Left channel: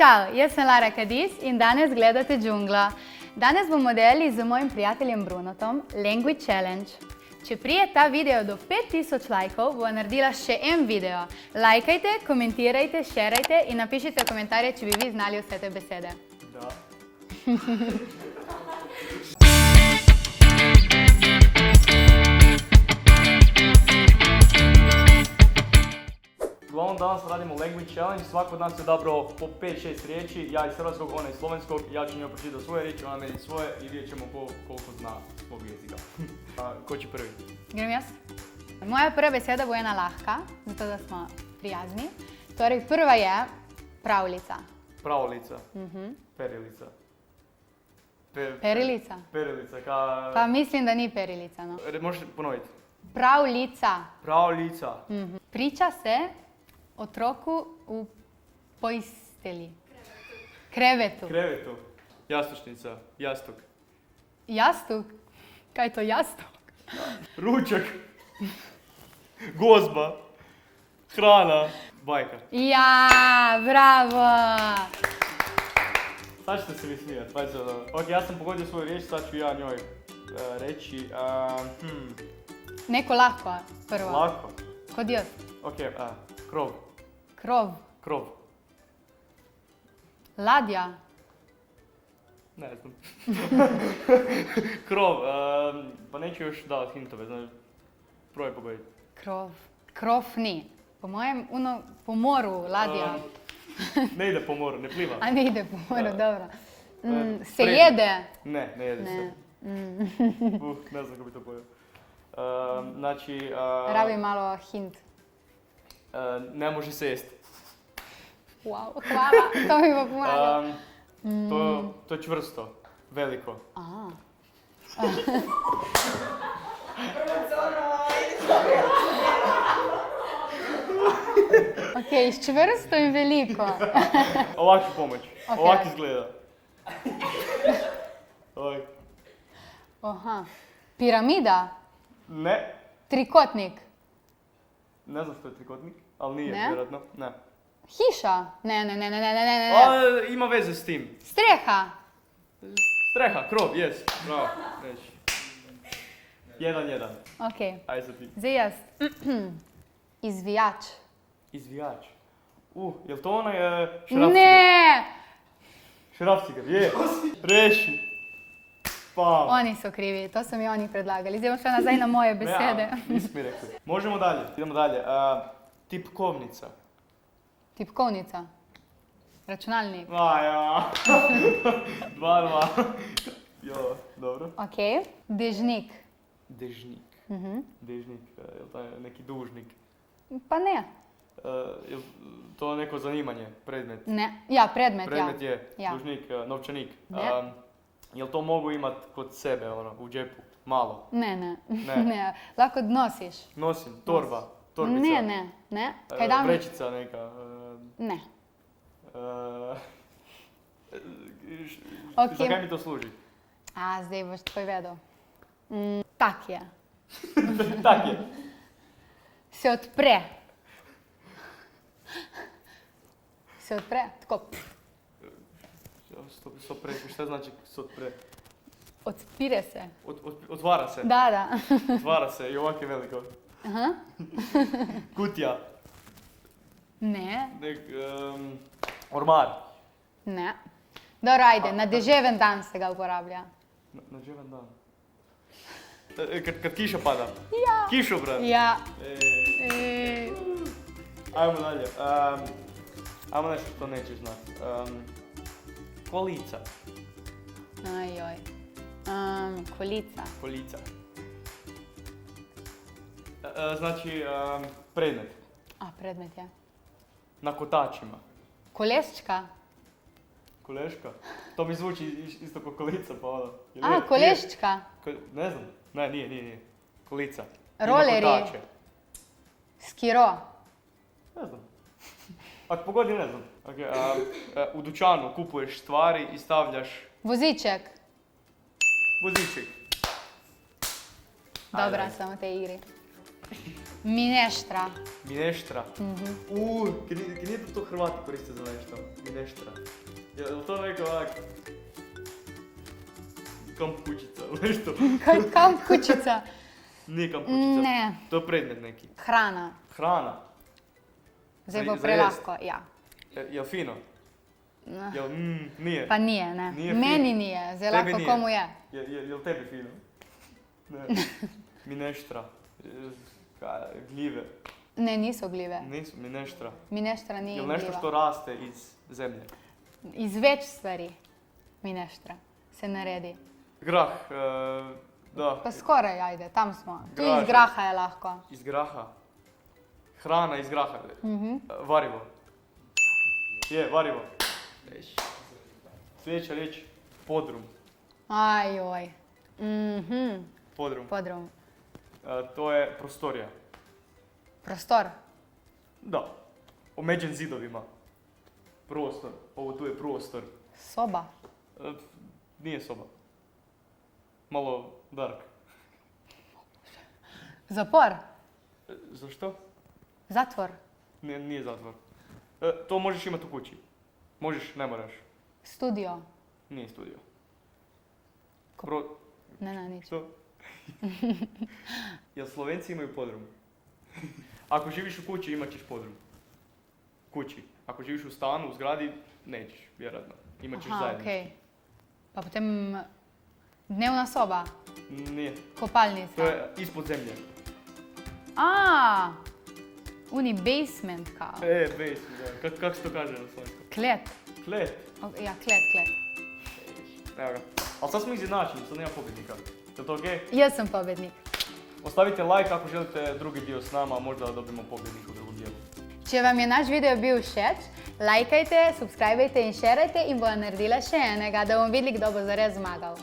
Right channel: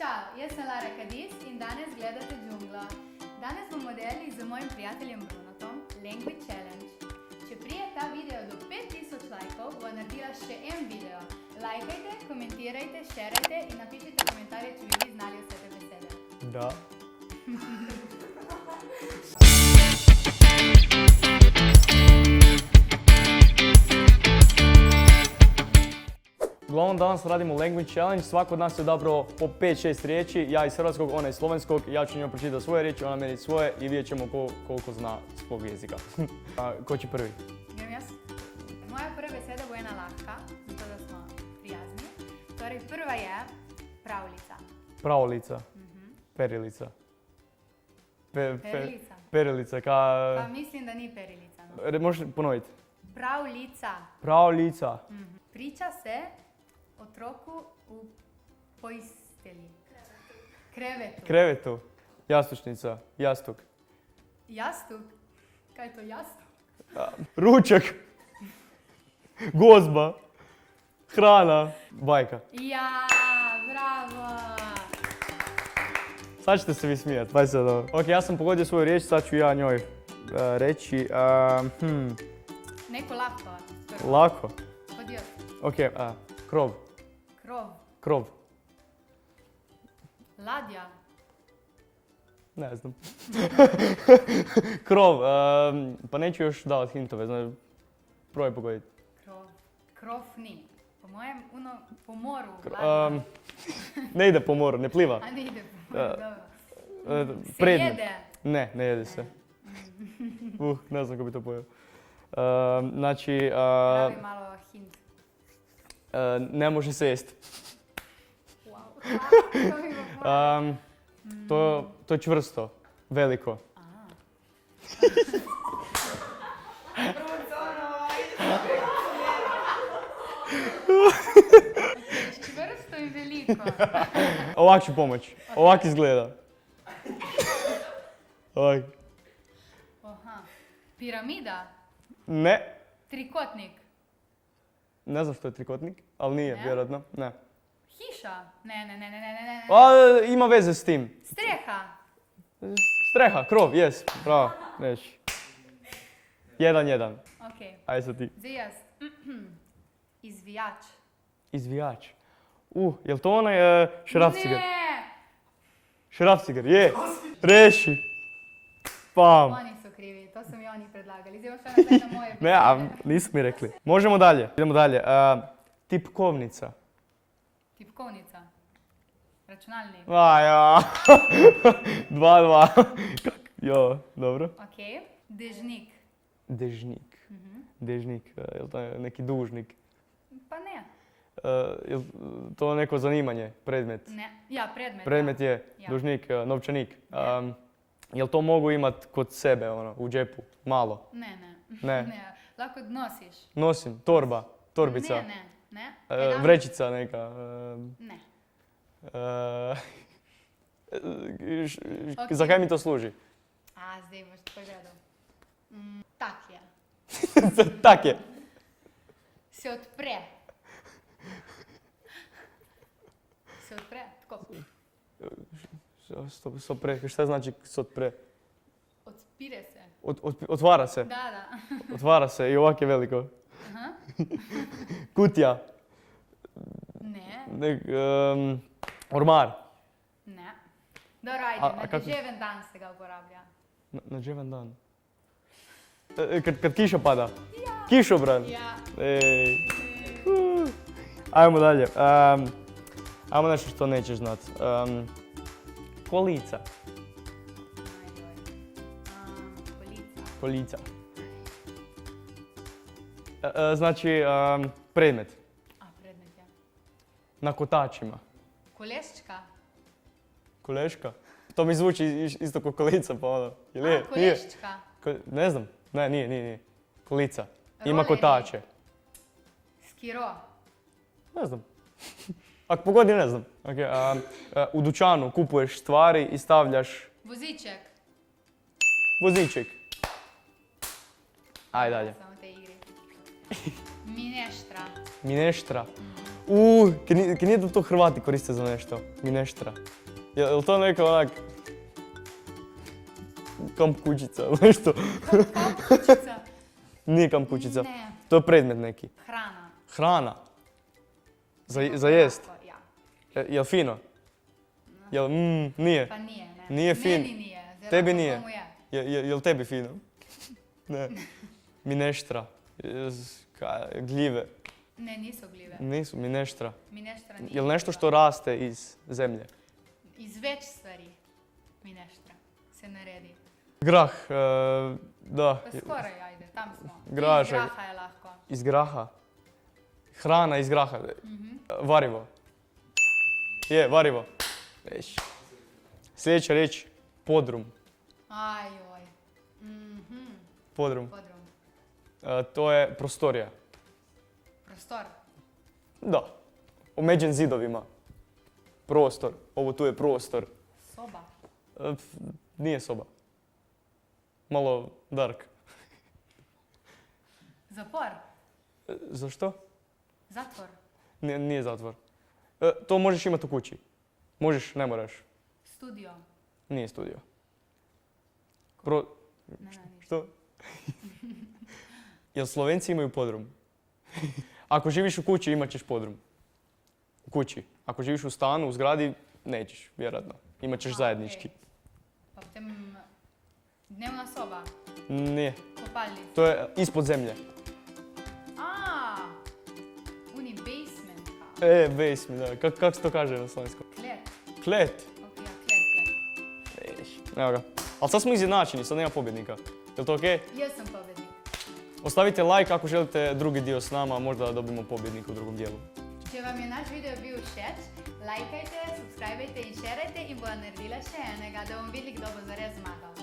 Ćao, jaz sem Lara Kadiz in danes gledate Džunglo. Danes bomo delali z mojim prijateljem Brunotom Language Challenge. Če prije ta video do 5000 lajkov, bo naredila še en video. Lajkajte, komentirajte, šerajte in napišite komentarje, če bi vi znali vse te besede. Da. Uglavnom danas radimo Language Challenge, svako od nas je odabrao po 5-6 riječi, ja iz hrvatskog, ona iz slovenskog, ja ću njoj pročitati svoje riječi, ona meni svoje i vidjet ćemo koliko zna svog jezika. Ko će prvi? Grem jaz? Moja prva beseda bo ena lahka, zato da smo prijazni. Torej, prva je pravljica. Pravljica. Perilica. Perilica? Perilica, Pa mislim, da ni perilica, no. Možeš ponoviti? Pravljica. Pravljica. Priča se otroku v postelji. Krevetu. Krevetu. Jastučnica. Jastuk. Jastuk? Kaj je to jastuk? Ručak. Gozba. Hrana. Bajka. Ja, bravo! Sad ćete se vi smijati, pa se dobro. Ok, ja sam pogodio svoju riječ, sad ću ja njoj reći. Neko lahko prvo. Lako. Kod jaz. Ok, krov. Krov. Krov. Ladja. Ne znam. Krov, pa neću još davati hintove, znači, probaj pogoditi. Krov. Krov ni. Po mojem, po moru, ladja. Ne ide po moru, ne pliva. A ne ide po moru, dobro. Se Predmet. jede? Ne jede se. Ne znam kako bi to pojel. Znači... Rabi malo hint. Ne može se jesti. Wow, hvala, to mi bo pomagalo. To je čvrsto, veliko. Ok, čvrsto in veliko. Ovak ću pomoći. Ok. Ovak izgleda. Ovak. Aha. Piramida. Ne. Trikotnik. Ne znam što je trikotnik, ali nije, Ne? vjerojatno. Ne. Hiša. Ne. Ima veze s tim. Streha. Streha, krov, jes. Bravo, neš. 1-1. Ok. Ajde sad ti. Zdaj jaz. Izvijač. Izvijač. Jel to onaj šrafciger? Ne! Šrafciger, je. Reši. Pam. Oni su krivi, to su mi oni predlagali. Zdaj bom šla nazaj na moje Ne, besede. nisu mi rekli. Možemo dalje, idemo dalje. Tipkovnica. Tipkovnica. Računalnik. Ja. 2-2. Jo, dobro. Ok. Dežnik. Dežnik. Dežnik, jel to je neki dužnik? Pa ne. Jel to neko zanimanje, predmet? Ne. Ja, predmet, Predmet ja. je Ja. dužnik, novčanik. Ne. Jel to mogu imat kod sebe, u džepu? Malo? Ne. Ne. Lahko nosiš. Nosim, torba, torbica. Ne. Kaj dam? Vrećica neka. Ne. Za kaj mi to služi? A, zdaj boš povedal. Tak je. Tak je. Se odpre. Se odpre, tako. Sopre, šta znači sopre? Odpire se. Otvara se. Da. Otvara se i ovak je veliko. Aha. Kutija. Ne. Ormar. Ne. Dobro, ajde, na deževen dan se ga uporablja. Na deževen dan. Kad kiša pada. Ja. Kišobran. Ja. Ajmo dalje. Ajmo nešto što nećeš znat. Kolica. Ajoj. Kolica. Kolica. Znači, predmet. A, predmet je. Na kotačima. Koleščka. Koleška? To mi zvuči isto kao kolica, pa ono. A, koleščka. Ne znam. Ne, nije. Kolica. Roleri. Ima kotače. Skiro. Ne znam. Ako pogodi, ne znam. U dućanu kupuješ stvari i stavljaš Voziček. voziček. Dobra sam u tej igri. Mineštra. Mineštra. Kaj nije da to Hrvati koriste za nešto? Mineštra. Je li to neka onak... kamp kućica ili nešto? Kamp kućica. Nije kamp kućica. Ne. To je predmet neki. Hrana. Hrana. Zdaj bo Za jest. prelahko, ja. Jel fino? Jel, nije. Pa nije, ne. Nije fino. Meni nije, zdaj Tebi lahko nije. komu je. Jel tebi fino? Ne. Mineštra. Gljive. Ne, niso gljive. Nisu, mineštra. Mineštra nije Jel nešto gljiva. što raste iz zemlje? Iz več stvari mineštra se naredi. Grah, da. Pa skoraj, ajde, tam smo. Tudi Grašek. iz graha je lahko. Iz graha. Hrana iz graha. Varivo. Je, varivo. Reći. Sljedeća riječ, podrum. Ajoj. Podrum. Podrum. To je prostorija. Prostor. Da. Omeđen zidovima. Prostor. Ovo tu je prostor. Soba. Nije soba. Malo dark. Zapor. Zašto? Zatvor. Nije zatvor. To možeš imati u kući. Možeš, ne moraš. Studio. Nije studio. Ne, ništa. Što? Jel Slovenci imaju podrum? Ako živiš u kući, imat ćeš podrum. U kući. Ako živiš u stanu, u zgradi, nećeš, vjerojatno. Imat ćeš zajednički. Okej. Pa potem dnevna soba. Nije. Kopalnica. To je ispod zemlje. Uni basement kao. Basement, da. Kako se to kaže na slovenskom? Klet. Klet. Ja, klet. Evo ga. Ali sad smo izjednačeni, sad nema pobjednika. Je li to okej? Jaz sem pobednik. Ostavite like ako želite drugi dio s nama, možda da dobimo pobjednika u drugom dijelu. Če vam je naš video bil všeč, lajkajte, subscribajte in šerajte in bova naredila še enega, da bomo videli, kdo bo zares zmagal.